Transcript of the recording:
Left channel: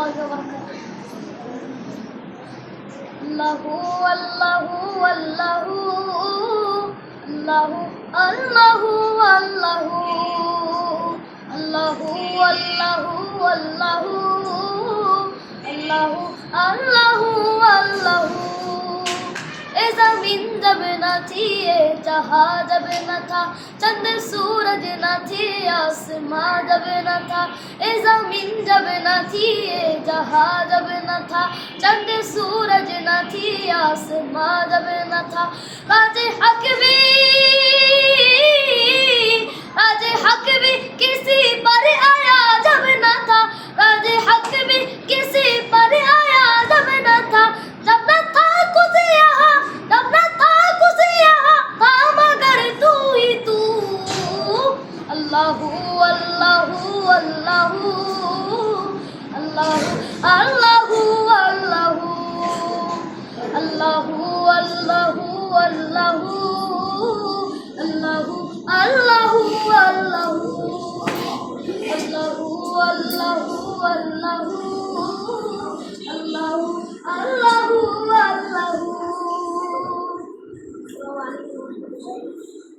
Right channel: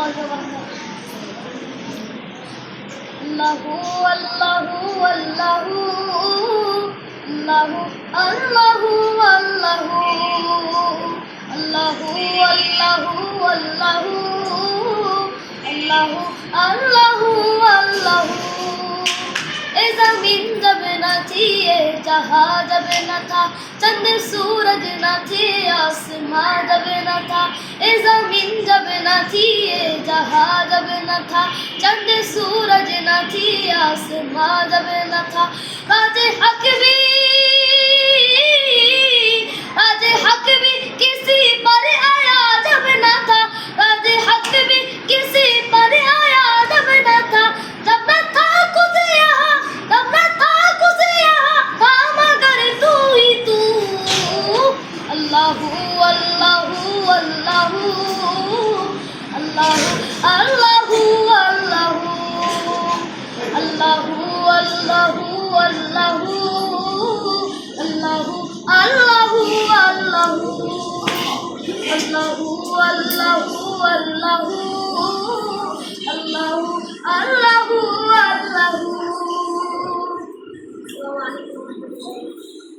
রহমতুল্লাহি ওয়া বারাকাতুহু। আল্লাহু আল্লাহু আল্লাহু আল্লাহু আল্লাহু আল্লাহু আল্লাহু আল্লাহু আল্লাহু আল্লাহু আল্লাহু আল্লাহু। এ জমিন যাবে না থিয়ে, जहां যাবে না থা, চন্দ সূরজ না থিয়ে आसमां যাবে না থা। এ জমিন যাবে না থিয়ে, जहां যাবে না থা, চন্দ সূরজ না থিয়ে आसमां যাবে না থা। কাজে হক भी किसी पर आया जब न था, काजे हक भी किसी पर आया जब न था। जब न था कुछ यहाँ, जब न था कुछ यहाँ, था मगर तू ही तू। अल्लाहू अल्लाहू अल्लाहू अल्लाहू अल्लाहू अल्लाहू अल्लाहू अल्लाहू अल्लाहू अल्लाहू अल्लाहू अल्लाहू अल्लाहू अल्लाहू अल्लाहू